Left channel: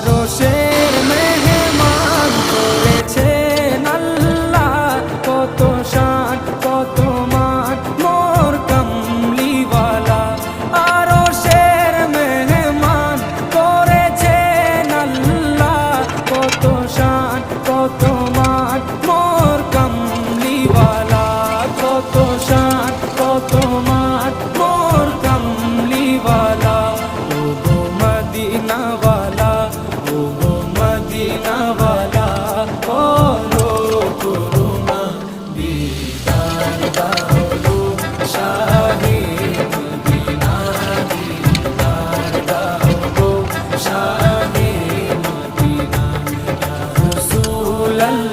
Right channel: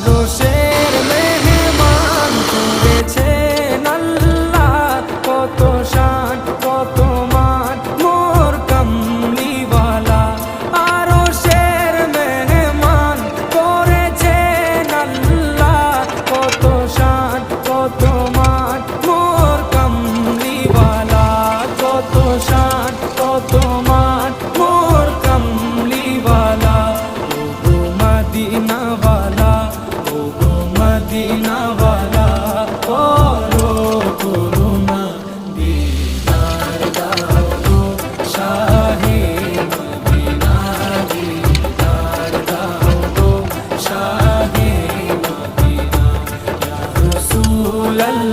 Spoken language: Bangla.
আরশের মেহমান করেছেন আল্লাহ, কত শান কত মান মোর কামলিওয়ালা। আরশের মেহমান করেছেন আল্লাহ, কত শান কত মান মোর কামলিওয়ালা, কত শান কত মান মোর কামলিওয়ালা। ও গো মদিনাওয়ালা, ও গো মদিনাওয়ালা, করো করুণা দিদার দাও গো শাহে মদিনা, দিদার দাও গো শাহে মদিনা। ইয়া রাসূলাল্লাহ